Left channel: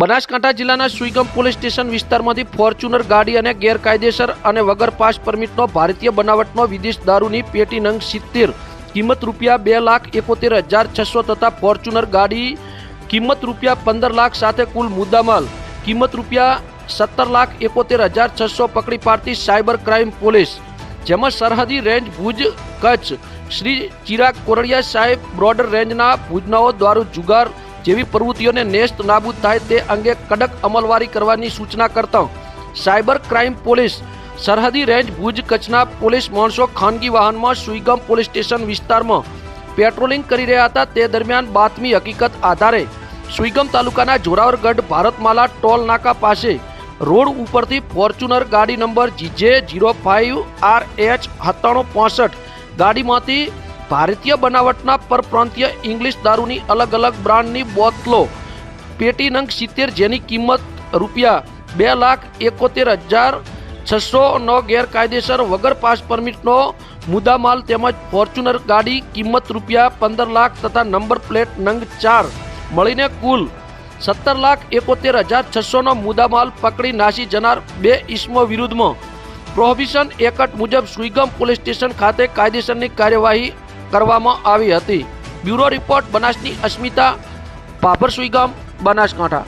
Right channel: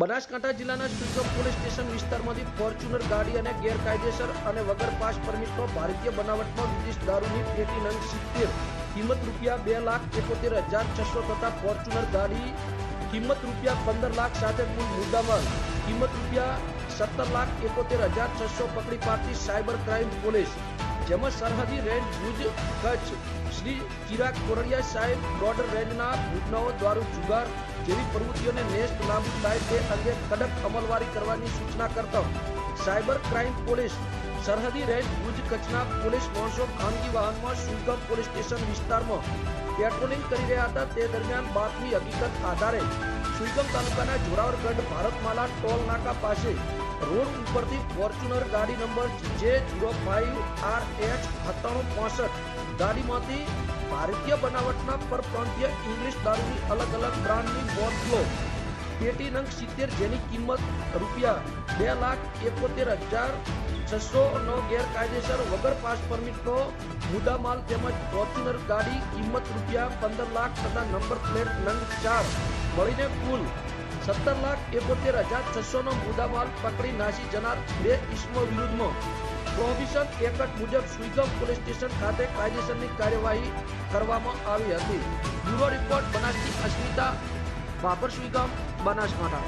બનાસકાંઠા જિલ્લાના Suigam police station વિસ્તારમાંથી Fortuner ગાડી અને ગેરકાયદેસર અને વગર પાસ પરમિટનો ભારતીય બનાવટનો વિદેશ દારૂની પેટી નંગ સિત્તેર. કિંમત રૂપિયા બે લાખ એકોતેર હજાર છસો તથા ફોર્ચ્યુનર ગાડી કિંમત રૂપિયા પંદર લાખ સાથે કુલ મુદ્દામાલ. કિંમત રૂપિયા સત્તર લાખ એકોતેર હજાર છસો પકડી પાડતી સાયબર ક્રાઇમ પોલીસ. જેમાં સરહદી રેન્જ ભુજ, કચ્છ. શ્રી ચિરાગ કોરડિયા સાહેબ, બોર્ડર રેન્જના ભુજનાઓ દ્વારા જુગાર જેવી પ્રવૃત્તિઓને નેસ્ત નાબૂદ થાય તે અંગે કડક અમલવારી કરવાની સૂચના કરતા સાયબર ક્રાઇમ પોલીસ સરહદી રેન્જ ભુજ કચ્છના પોલીસ માણસો ખાનગી વાહનમાં સુઈગામ પોલીસ સ્ટેશન વિસ્તારમાં પેટ્રોલિંગ કરી રહ્યા હતા. તે દરમિયાન બાતમી હકીકત આધારે સુઈગમ તાલુકાના જોરાવરગઢ ભારતમાલા ટોલ નાકા પાસે રોડ ઉપરથી ફોર્ચ્યુનર ગાડી number GJ zero five R H સત્તાણું પોસઠ ગાડીમાંથી ભારતીય બનાવટના પરપ્રાંતીય ઇંગ્લિશ દારૂની અલગ અલગ બ્રાન્ડની બોતલો. પેટી નંગ સિત્તેર જેની કિંમત રૂપિયા બે લાખ એકોતેર હજાર છસો નો ગેરકાયદેસર વગર પાસ પરમિટનો મુદ્દામાલ તેમજ ફોર્ચ્યુનર ગાડી કિંમત રૂપિયા પંદર લાખ તથા નંબર પ્લેટ નંગ ચાર. મળીને કુલ સત્તર લાખ એકોતેર હજાર છસોનો મુદ્દામાલ પકડી નાસી જનાર બે ઇસમો વિરુદ્ધમાં. પ્રોહિબિશન એકટ મુજબ સુઈગમ પોલીસ સ્ટેશન ખાતે કાયદેસરની કાર્યવાહી કરવામાં આવી હતી. બ્યુરો રિપોર્ટ બનાસની અસ્મિતા પાપર સુઈગામ બનાસકાંઠા.